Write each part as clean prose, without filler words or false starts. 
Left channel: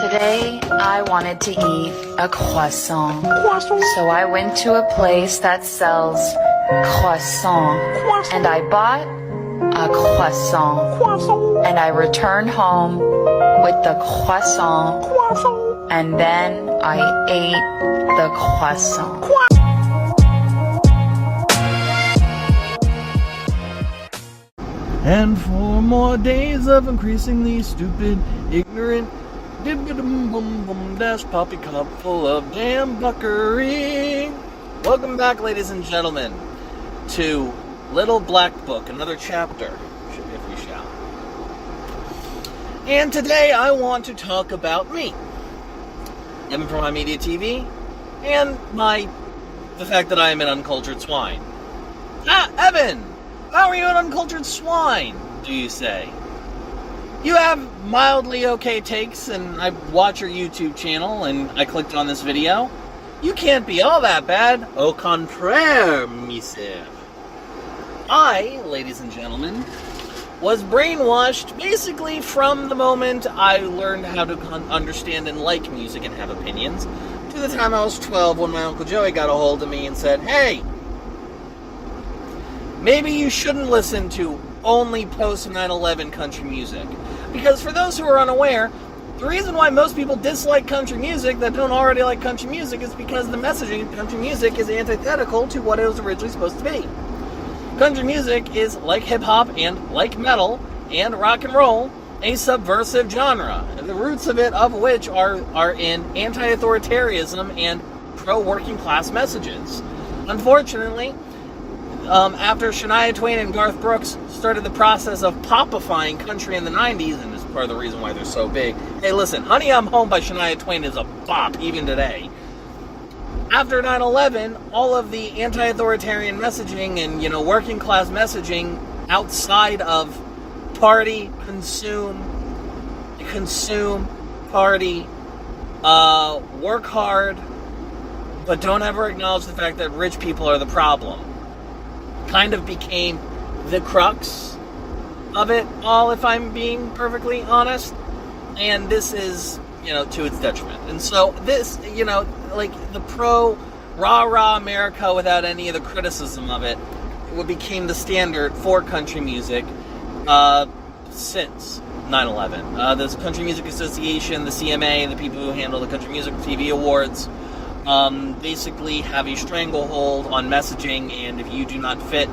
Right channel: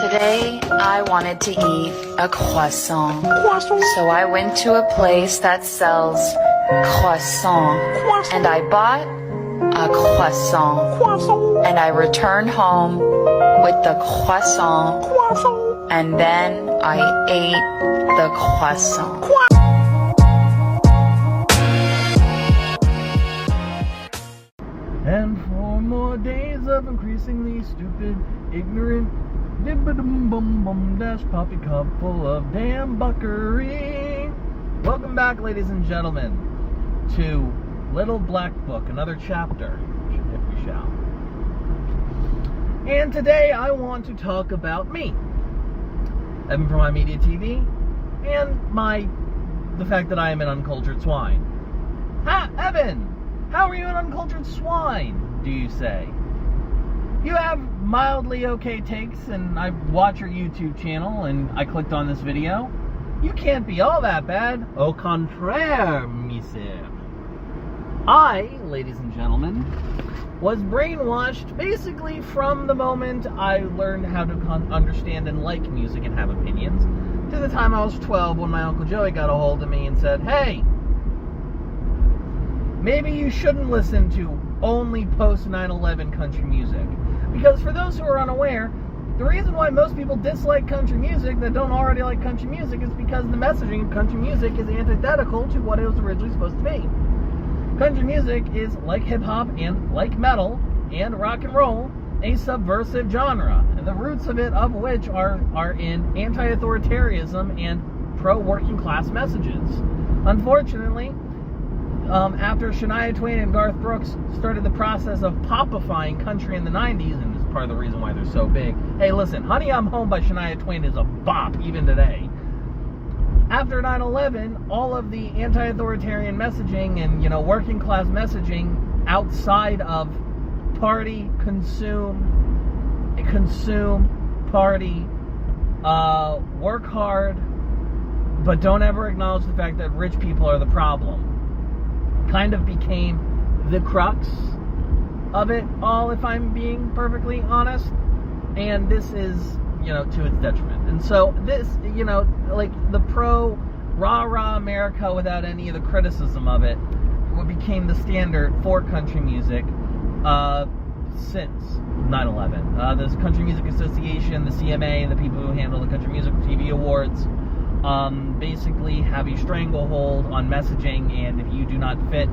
Today, I wanted to eat a croissant. So I went to a place that sells croissant. And I bought a croissant. And I returned home with the croissant. And then I ate the croissant. And 4 more days of increasingly stupid, ignorant, dash poppycock full of damn buckery. Welcome back, ladies and gentlemen, to Little Black Book, another chapter. Should be if you shall. And today I want to talk about me. Evan from HIMediaTV, and the fact that I am an uncultured swine. Ha, Evan! How are you an uncultured swine, do you say? You have mildly okay takes, and I watch your YouTube channel, and I clicked on this video. You can't be all that bad. Au contraire, monsieur. I, ladies and gentlemen, was brainwashed basically from the moment I learned how to understand and like music and have opinions, to the time I was 12 when my Uncle Joey got a hold of me and said, hey, maybe you shouldn't listen to only post 9/11 country music. Because for those who are unaware, the reason why most people dislike country music that don't already like country music is because the messaging of country music is antithetical to what it was originally supposed to be. Country music is, like hip-hop and like metal and rock and roll, a subversive genre. The roots of it, of which are in anti-authoritarianism and pro-working class messages. Unfortunately, after Shania Twain and Garth Brooks started the process of popifying country in the 90s, and it's part of the reason why they're so big. Hey, listen, Honey, I'm Home by Shania Twain is a bop even today. After 9/11, all of the anti-authoritarian messaging and, working class messaging outside of party, consume, party, work hard, but don't ever acknowledge the fact that rich people are the problem, kind of became the crux of it all, if I'm being perfectly honest. And this is, to its detriment. And so this, like the rah-rah America without any of the criticism of it, became the standard for country music since 9/11. The Country Music Association, the CMA, the people who handle the Country Music TV Awards, basically have a stranglehold on messaging, and if you do not fit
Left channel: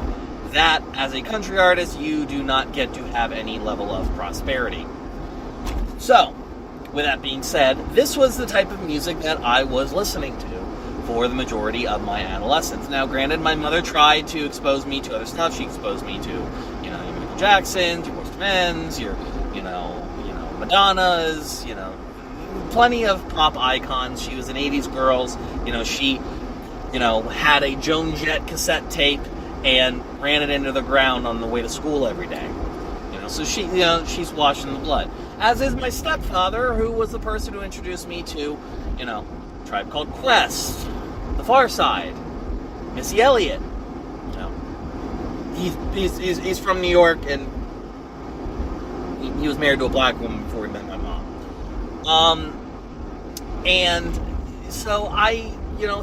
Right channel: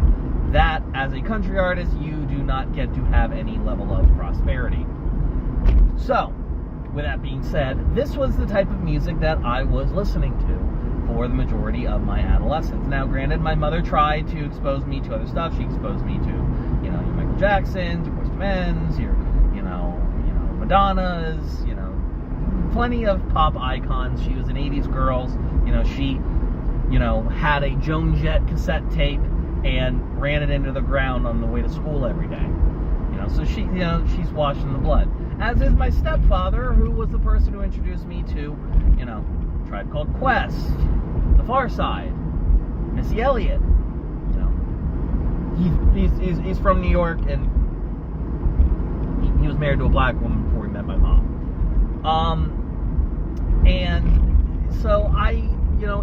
that as a country artist, you do not get to have any level of prosperity. So, with that being said, this was the type of music that I was listening to for the majority of my adolescence. Now, granted, my mother tried to expose me to other stuff. She exposed me to, your Michael Jacksons, your Boyz II Men's, your, Madonna's, plenty of pop icons. She was an 80s girl. She, had a Joan Jett cassette tape and ran it into the ground on the way to school every day. So she, she's washed in the blood. As is my stepfather, who was the person who introduced me to, Tribe Called Quest, The Far Side, Missy Elliott. He's from New York, and he was married to a black woman before he met my mom. And so I,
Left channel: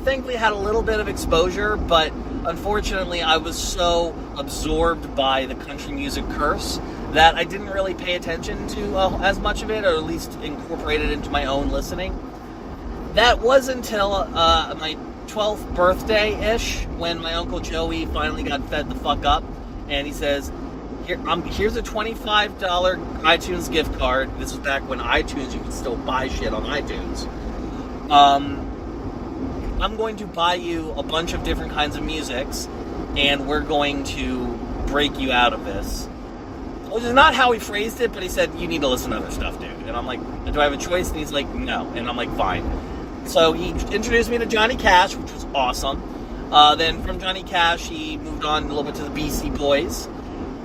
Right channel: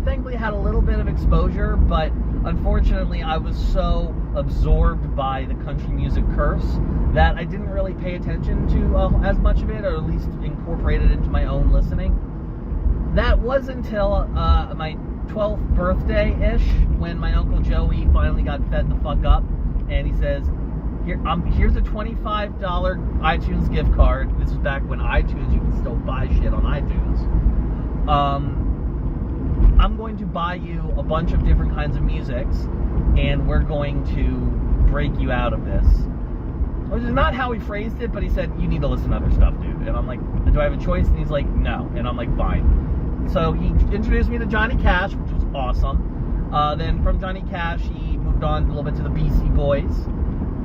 thankfully had a little bit of exposure, but unfortunately I was so absorbed by the country music curse that I didn't really pay attention to as much of it, or at least incorporate it into my own listening. That was until my 12th birthday-ish, when my Uncle Joey finally got fed the fuck up, and he says, here's a $25 iTunes gift card. This was back when iTunes, you could still buy shit on iTunes. I'm going to buy you a bunch of different kinds of musics, and we're going to break you out of this. Which is not how he phrased it, but he said, you need to listen to other stuff, dude. And I'm like, do I have a choice? And he's like, no. And I'm like, fine. So he introduced me to Johnny Cash, which was awesome. Then from Johnny Cash, he moved on a little bit to the Beastie Boys.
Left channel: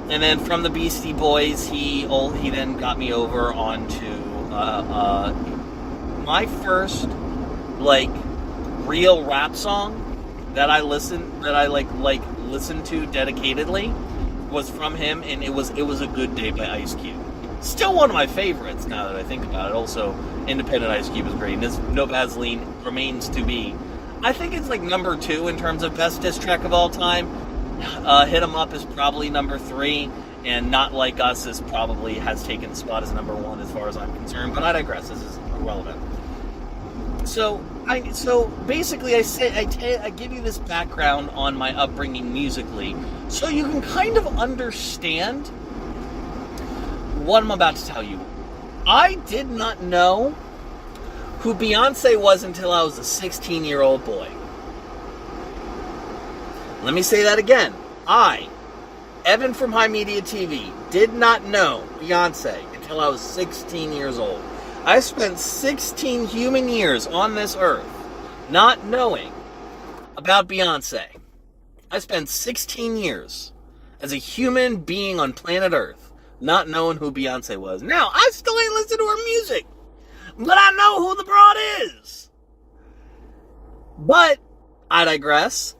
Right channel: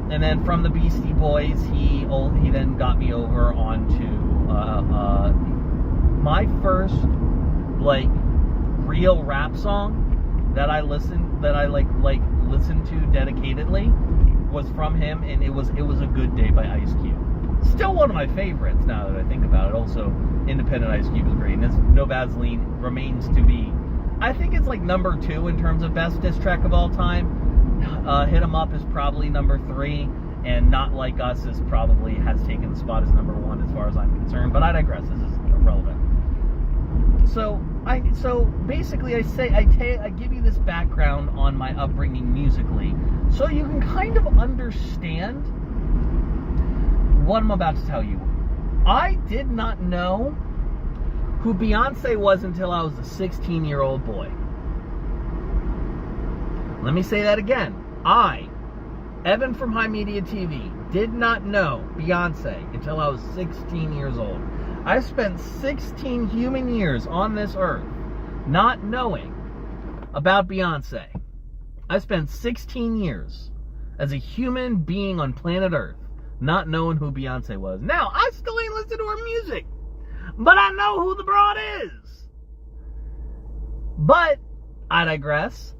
And then from the Beastie Boys, he then got me over onto my first, real rap song that I listened to dedicatedly was from him, and it was A Good Day by Ice Cube. Still one of my favorites now that I think about it. Also, Independent Ice Cube is great. And this No Vaseline remains to be. I think it's like number 2 in terms of best diss track of all time. Hit 'Em Up is probably number 3. And Not Like Us has taken the spot as number 1 as far as I'm concerned. But I digress. This is irrelevant. So basically, I give you this background on my upbringing musically, so you can kind of understand what I'm about to tell you. I did not know who Beyonce was until I was a 16-year-old boy. Let me say that again. I, Evan from HIMediaTV, did not know Beyonce until I was 16 years old. I spent 16 human years on this earth not knowing about Beyonce. I spent 16 years as a human being on planet Earth not knowing who Beyonce was. Now, I still ain't listened to her music, but I know who the broad is. But I digress.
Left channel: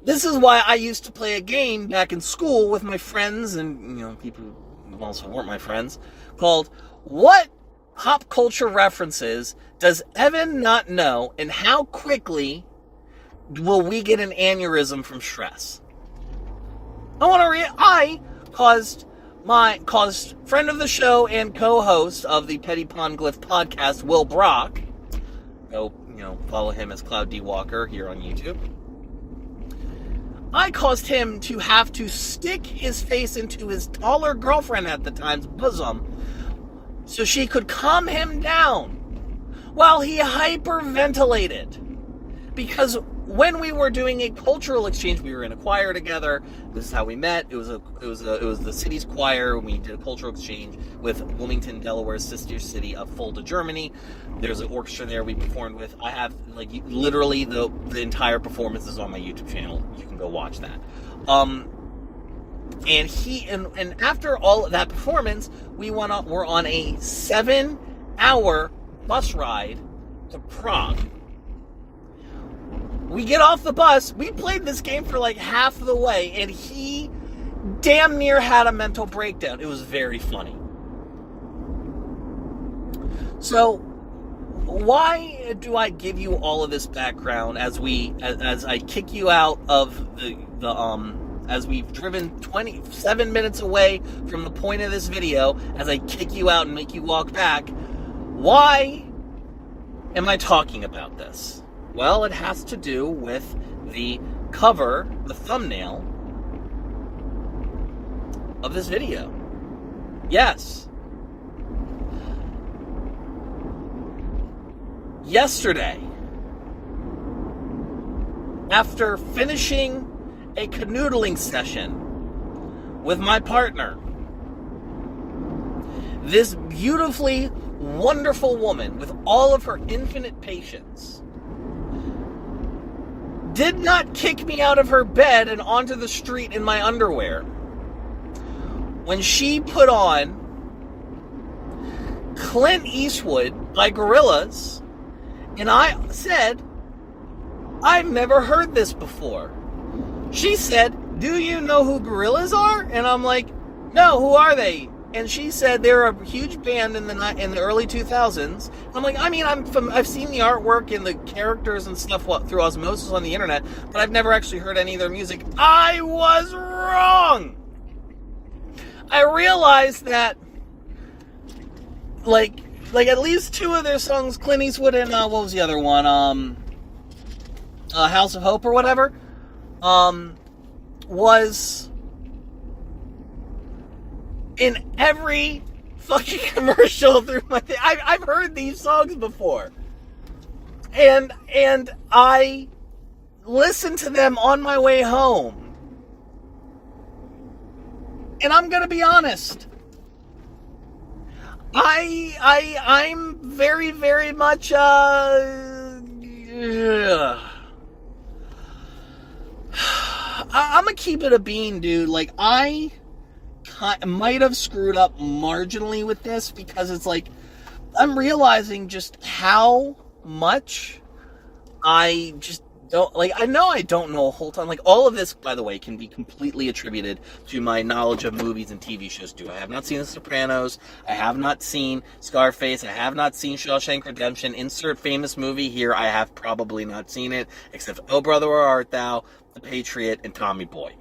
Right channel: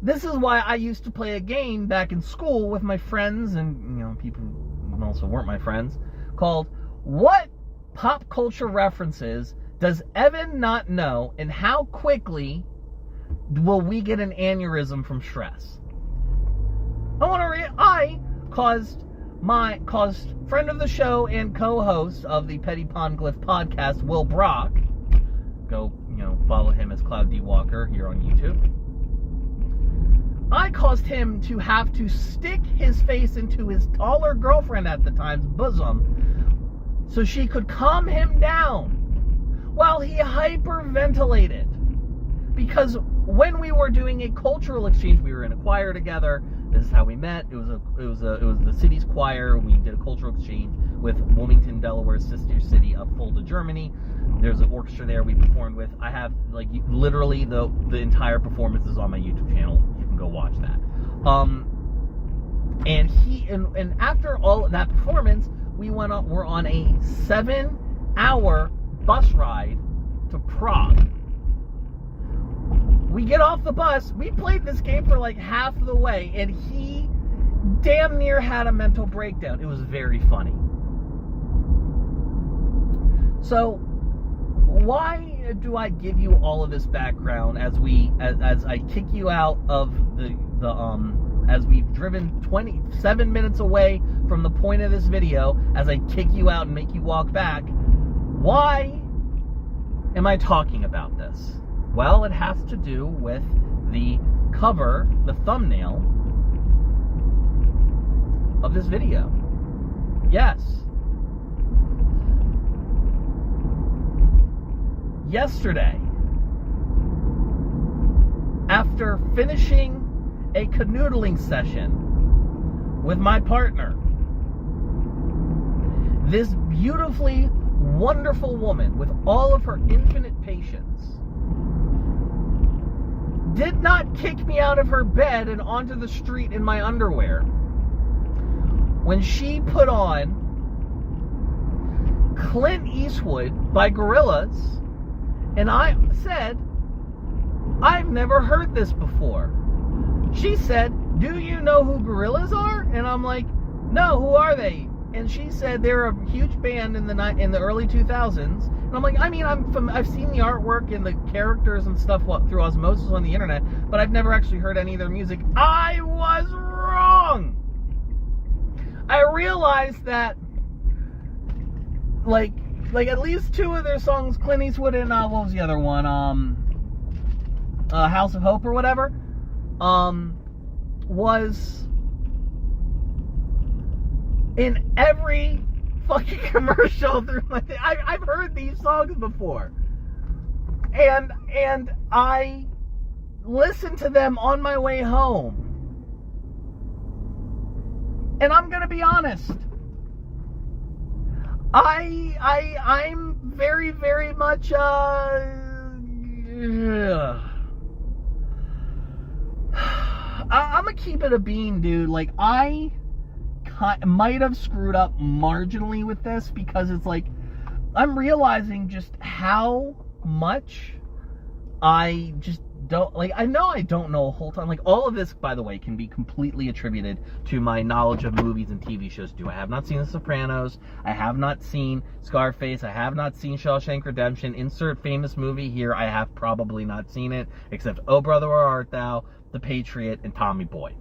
This is why I used to play a game back in school with my friends and, people who also weren't my friends, called What Pop Culture References Does Evan Not Know, and How Quickly Will We Get an Aneurysm from Stress? I caused friend of the show and co-host of the Petty Ponglyph podcast, Will Brock, go, follow him as Cloud D. Walker here on YouTube. I caused him to have to stick his face into his taller girlfriend at the time's bosom so she could calm him down while he hyperventilated. Because when we were doing a cultural exchange, we were in a choir together. This is how we met. It was the city's choir. We did a cultural exchange with Wilmington, Delaware's sister city of Fulda, Germany. There's an orchestra there we performed with. I have literally the entire performance is on my YouTube channel. You can go watch that. And after all of that performance, we're on a 7-hour bus ride to Prague. We get off the bus. We played this game for like half the way, and he damn near had a mental breakdown. It was very funny. So, why do I give you all of this background as I kick you out of as we've driven 27 minutes away from the point of this video, as I kick you out and make you walk back? Why am I talking about this? Well, it has to do with the cover, the thumbnail of this video. Yes. Yesterday, after finishing a canoodling session with my partner, this beautifully wonderful woman with all of her infinite patience did not kick me out of her bed and onto the street in my underwear when she put on Clint Eastwood by Gorillaz, and I said, I've never heard this before. She said, do you know who Gorillaz are? And I'm like, no, who are they? And she said they're a huge band in the early 2000s. And I'm like, I've seen the artwork and the characters and stuff through osmosis on the internet, but I've never actually heard any of their music. I was wrong. I realized that, like at least 2 of their songs, Clint Eastwood and what was the other one? House of Hope or whatever, was in every fucking commercial through my thing. I've heard these songs before. And I listened to them on my way home. And I'm gonna be honest. I'm very, very much I'm gonna keep it a bean, dude. Like, I might have screwed up marginally with this, because it's like I'm realizing just how much I just I know I don't know a whole ton. Like, all of this, by the way, can be completely attributed to my knowledge of movies and TV shows too. I have not seen The Sopranos. I have not seen Scarface. I have not seen Shawshank Redemption. Insert famous movie here. I have probably not seen it, except Oh Brother Where Art Thou, The Patriot, and Tommy Boy,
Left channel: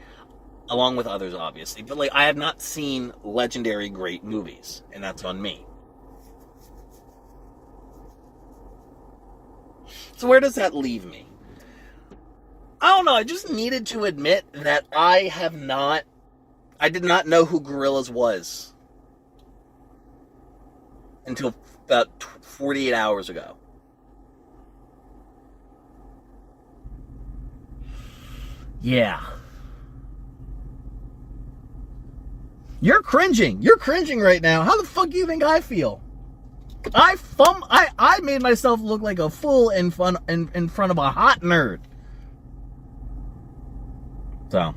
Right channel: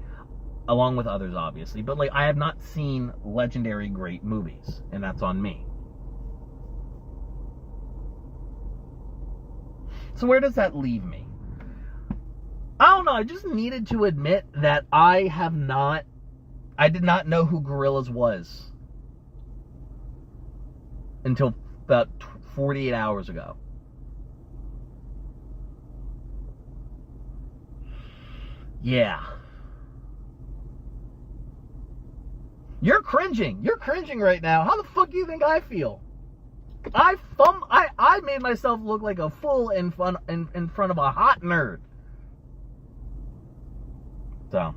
along with others, obviously. But like, I have not seen legendary great movies, and that's on me. So where does that leave me? I don't know. I just needed to admit that I did not know who Gorillaz was until about 48 hours ago. Yeah. You're cringing. You're cringing right now. How the fuck do you think I feel? I made myself look like a fool in front of a hot nerd. So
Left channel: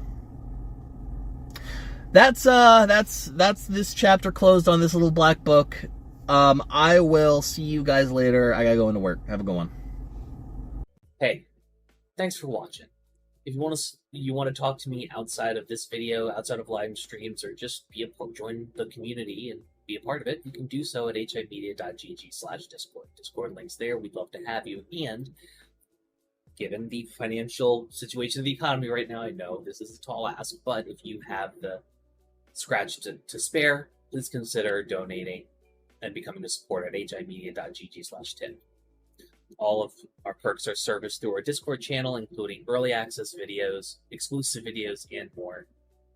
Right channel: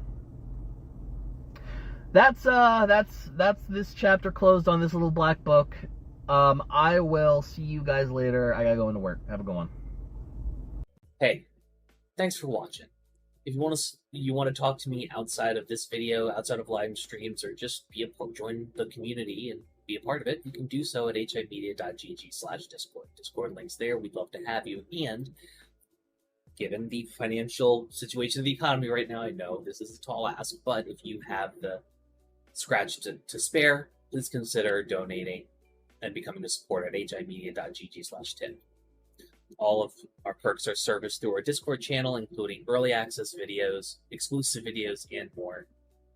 that's this chapter closed on this little black book. I will see you guys later. I gotta go into work. Have a good one. Hey, thanks for watching. If you want to talk to me outside of this video, outside of live streams, or just join the community and be a part of it, you can do so at HIMediaTV/Discord. Discord links there. We'd love to have you. And given the financial situation of the economy right now, I know this is a tall ask, but if you have the scratch to spare, please consider donating and becoming a supporter at HIMedia.gg/tip. All of our perks are serviced through our Discord channel, including early access videos, exclusive videos, and more.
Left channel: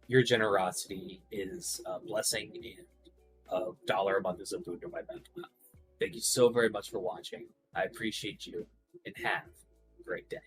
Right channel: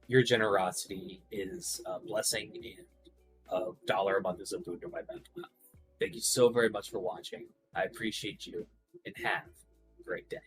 Your generosity is a blessing, and $1 a month is a boon to my mental health. Thank you so very much for watching. I appreciate you, and have a great day.